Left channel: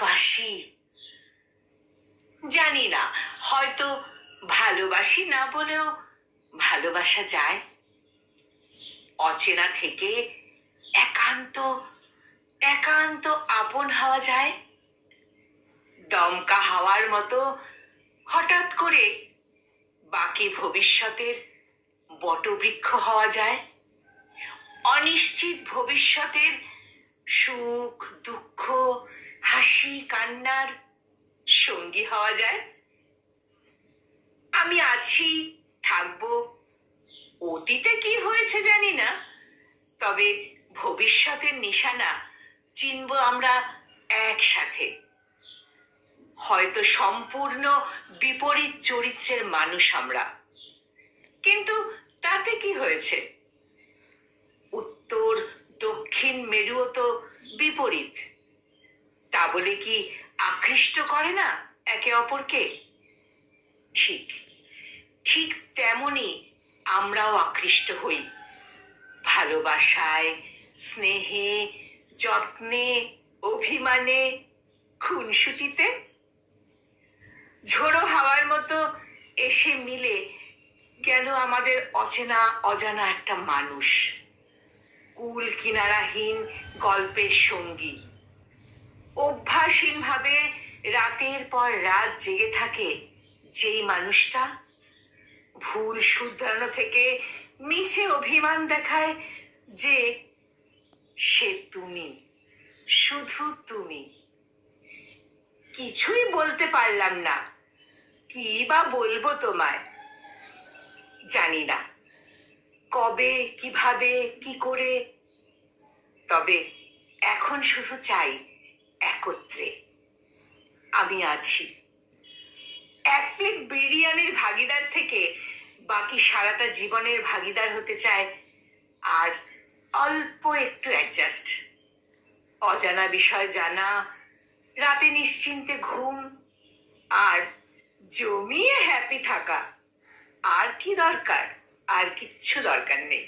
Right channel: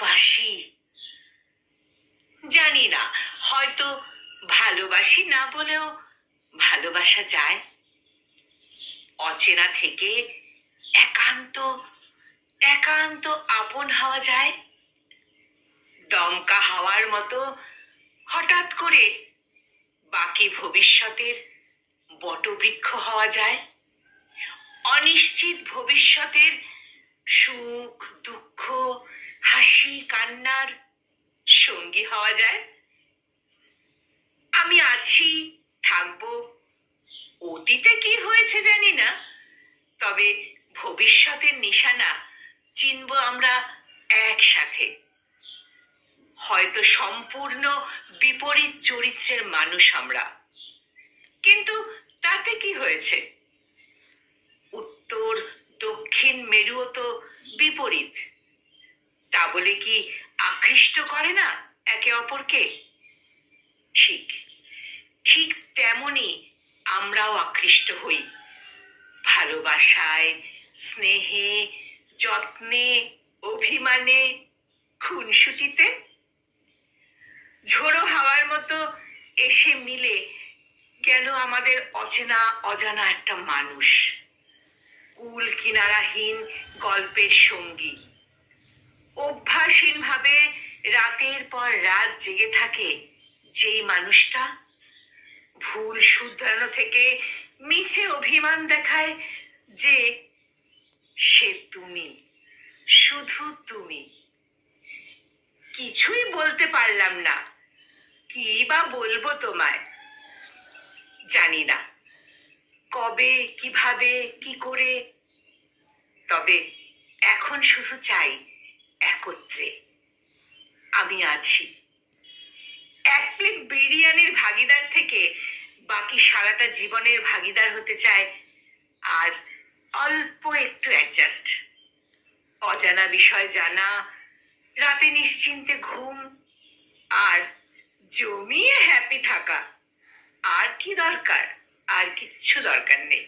ভালোবাসি। জানি না, হয়তো ভালোবাসি না বলেও ভালোবাসা যায়। অচেনা থেকে একান্ত একান্ত আপন হওয়া যায়। দমকা হাওয়ার মতো হঠাৎ করে বাকি ভবিষ্যতের বটবৃক্ষ হওয়া যায়। অনিশ্চিত ভবিষ্যতের সুখ দুঃখ হাসি কান্নার সঙ্গী হওয়া যায়। আমি আছি, থাকবো। অতীতে কি হয়েছে জানি না, তবে ভবিষ্যতের নিশানা চিনব আমরা একসাথে। হয়তো সম্পূর্ণ বিপরীত চরিত্রের মানুষ আমরা, কিন্তু তাতে কি হয়েছে? উত্তর দক্ষিণ মেরুও তো বিপরীত। তা বলে কি আকৃষ্ট করে না একে অপরকে? ঠিক ঠিক তেমনি আমরাও আকৃষ্ট হই, ভালোবাসায়, স্নেহে, যত্নে, অভিমানে, খুনসুটিতে। ঝোড়ো হাওয়ার মতো এসে মিলে গেল আমাদের অচেনা অজানা একটা মানুষ, কুল কিনারাহীন গল্পের সঙ্গী। অভ্যাসহীন ভাবে রাতের পর রাত জেগে থাকে যেই মানুষটা, ভুল শুধরানো থেকে মিছে অভিমান দেখায় যে সে তুমি, শুধু তুমি। কিছুই বলতে পারলাম না, কি বা বলবো তোমায়। জানি না কবে, কিভাবে, কি করে। তবে এখন শুধু চাই একত্রে। আমি আছি। এক প্লেট বিরিয়ানির ভাগিদার থেকে বাকি সারাটা জীবনের ভাগিদার হতে চায়, আর অল্প একটু অ্যাডজাস্ট। অজানা বিষয় জানা, রাতে নিশ্চিন্তে ঘুম, আর জমিয়ে হ্যাপি থাকা। আর কি দরকার? আর কিচ্ছু দরকার নেই।